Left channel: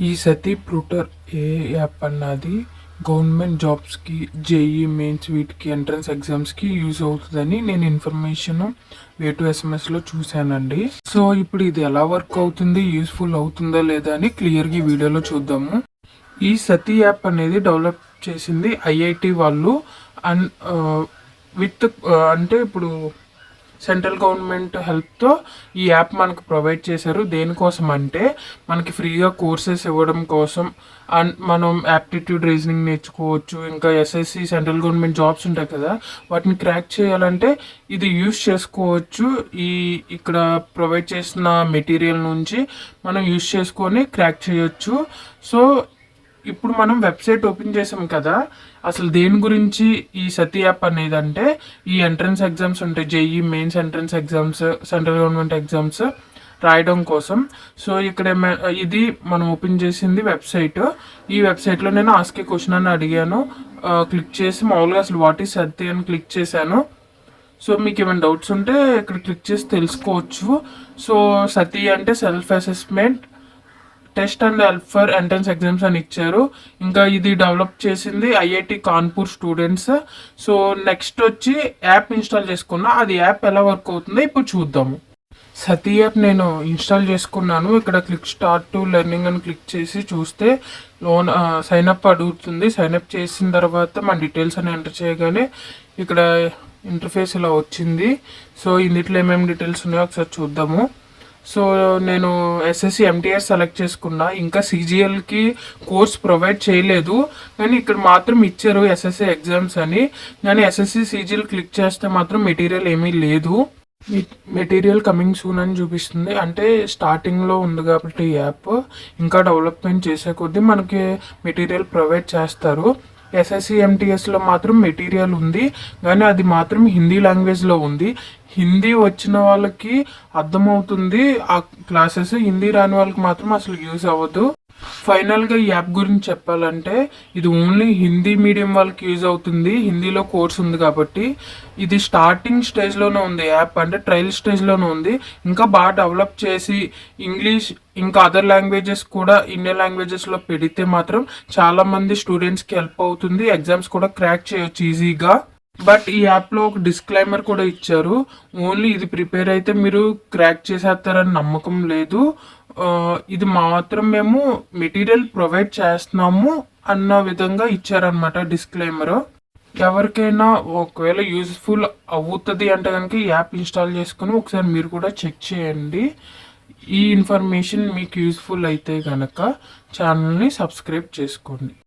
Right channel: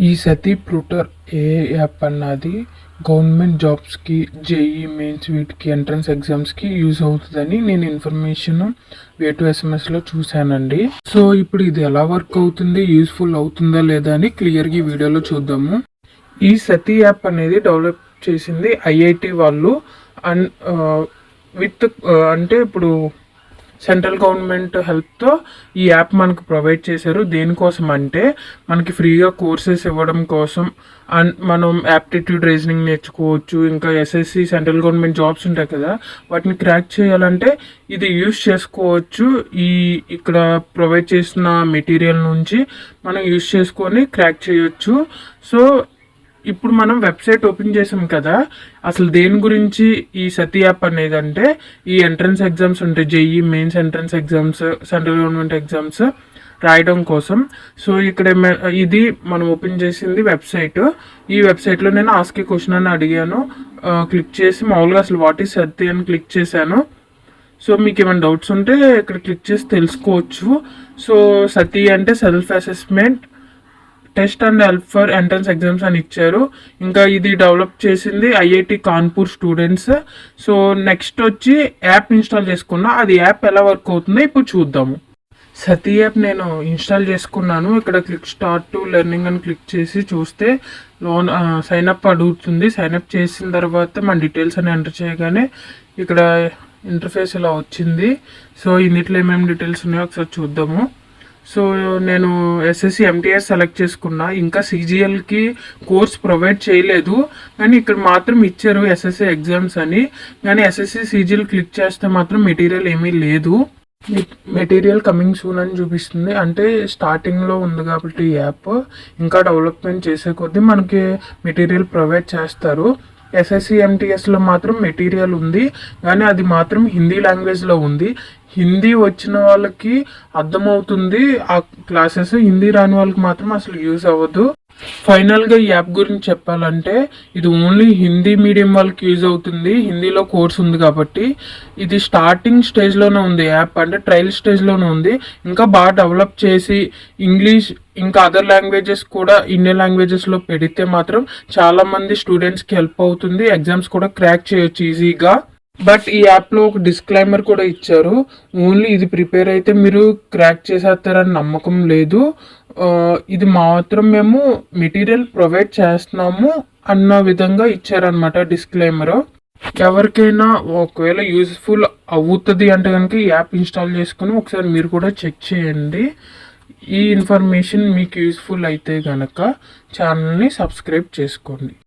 ఈ సతీ ప్రూటర్ ఏ యాప్ అన్నది గవర్నమెంట్ జాబ్స్కి, జేఈ మెయిన్స్ వీటికి ఎంట్రన్స్ ఎగ్జామ్స్కి యూజ్ అవుతుందని నేను ఇన్ఫర్మేషన్ వే2 ఎస్ఎంఎస్లో చూశానండి. సో ఇప్పుడు ఇది ఎలా వర్క్ అవుతుంది, యూస్ఫుల్ అవుతుందా లేదా అని క్లియర్గా ఈ వీడియోలో చూద్దాము. ఈ సతీ యాప్ అనేది డెవలప్ చేసింది ఐఐటి వాళ్ళు. అండ్ విత్ అంటే ఇప్పుడు సెంట్రల్ గవర్నమెంట్ హెల్ప్తో ఈ యాప్ మనకు ప్రొవైడ్ చేశారు. దేనికోసం అంటే మనకి ఫ్రీగా కోర్సెస్ ఇవ్వడం కోసం. అండ్ మనం యాప్టిట్యూడ్ రీజనింగ్ నేర్చుకోవచ్చు. ఇంకా ఎస్ఎస్సి సెంట్రల్ గవర్నమెంట్ జాబ్స్ ఉంటాయి కదా, వాటిని క్రాక్ చేయాలంటే ఇది యూస్ చేసుకోవచ్చు. ఇక్కడ ప్రొవైడ్ చేసిన మెటీరియల్ నుంచి మనం యూస్ చేసుకొని క్రాక్ చేయొచ్చు. సో ఇప్పుడు మనం వెబ్సైట్ ఓపెన్ చేసాం కదా, అసలు దేని గురించి ఈ సతీ యాప్ అనేది అంటే ఈ ఎంట్రన్స్ ఎగ్జామ్స్ ఉంటాయి, JEE mains entrance exams, central government exams రాయడం కోసం. సో ఇక్కడ ఇది మనం ఓపెన్ చేసింది వెబ్సైట్. ఈ వెబ్సైట్లో నేను ఆస్క్ క్వశ్చన్ అని అడిగాను. క్లిక్ చేసి మామూలుగా అసలు వాట్ ఈస్ సతీ అని క్లిక్ చేశాను. సో మీకు ఏమైనా డౌట్స్ ఉంటే ఇక్కడ క్లిక్ చేసి తెలుసుకోవచ్చు. సో సతీ అంటే self assessment test and help for entrance exams అని ఇచ్చారు. ఇంకా ఇది డెవలప్ చేసింది IIT Kanpur students. So next వచ్చి యాప్ ఇన్స్టాల్ చేసుకున్నా. అది యాప్ ఎలా వర్క్ అవుతుందో ఇప్పుడు చూద్దాము. సతీ యాప్ నేను ఇన్స్టాల్ చేసుకున్నాను. ఇక్కడ క్లిక్ స్టార్ట్ టు లెర్నింగ్ అని క్లిక్ చేసి చూస్తే లోన్ సైన్అప్ అడుగుతుంది. సైన్అప్ చేసిన తర్వాత మన డీటెయిల్స్ అని ఎంటర్ చేయగానే ఇక్కడ ఇంటర్ఫేస్ ఇలా వచ్చింది. సో ఇందులో ఏమేమి డీటెయిల్స్ ఉన్నాయో ఒకసారి చూద్దాము. సో నేను ఎస్ఎస్సి ఎంటీఆర్ సెలెక్ట్ చేసుకున్నా. ఇంకా సిజిఎల్కి కోర్స్ ప్రొవైడ్ చేయలేదు, కానీ ఇక్కడ మాత్రం ఇచ్చారు ఎస్ఎస్సి ఎగ్జామ్స్ అని. కానీ ఎస్ఎస్సి సిజిఎల్ క్లిక్ చేస్తే మాత్రం మెటీరియల్ ఏమీ లేదు. మెటీరియల్ కమింగ్ సూన్ అని చూపిస్తుంది. అంటే స్టార్టింగ్లో ఉంది కాబట్టి యాప్ ఇంకా డెవలప్మెంట్ చేసే కొద్దీ మనకి మెటీరియల్ ప్రొవైడ్ చేస్తారు. ఎస్ఎస్సి ఎంటీఎస్లో మాత్రం మెటీరియల్ ఉంది, కానీ అది మాత్రం హిందీ లాంగ్వేజ్లో ఉంది. హిందీ వచ్చిన వాళ్ళకి అర్థమవుతుంది ఆ క్లాసెస్, హిందీ రాని వాళ్ళకి మాత్రం అసలు యూజ్ అవ్వదు. ఫైనల్గా ఈ యాప్ గురించి చెప్పాలంటే ఇది ఓన్లీ హిందీ మీడియం వాళ్ళకి యూజ్ అవుతుంది. హిందీలో కోర్స్ ఉంది కాబట్టి. ఇది స్టార్టింగ్ స్టేజ్లోనే ఉంది యాప్, అంటే ట్రయల్ స్టేజ్లోనే ఉంది. ఇంకా బాగా డెవలప్ చేసి ఇంగ్లీష్ ఇంకా అదర్ లాంగ్వేజెస్ కూడా ఇండియన్ లాంగ్వేజెస్లో పెడితే మాత్రం చాలామంది స్టూడెంట్స్కి హెల్ప్ అవుతుంది. ఎగ్జామ్స్ కూడా క్రాక్ చేయొచ్చు ఈజీగా. బట్ ఈ యాప్లో ఒక డిస్క్లైమర్ కూడా ఇచ్చారు. ఓన్లీ ఇది ప్రిపేర్ అయితే మీరు క్రాక్ చేసేస్తారని నమ్మకం లేదు. ఇది మాత్రం మేము మెటీరియల్ ప్రొవైడ్ చేస్తున్నాము అన్న విధంగా ఇచ్చారనమాట డిస్క్లైమర్. ఎవరికైనా ఒకవేళ యూస్ఫుల్ అవుతుంది అంటే కనుక ఈ యాప్ ఇన్స్టాల్ చేసుకుని ఒకసారి మీరు కూడా చెక్ చేయండి. ఈ ఇన్ఫర్మేషన్ మీకు యూస్ఫుల్ అయితే కనుక ఛానల్ని సబ్స్క్రైబ్ చేసుకోండి.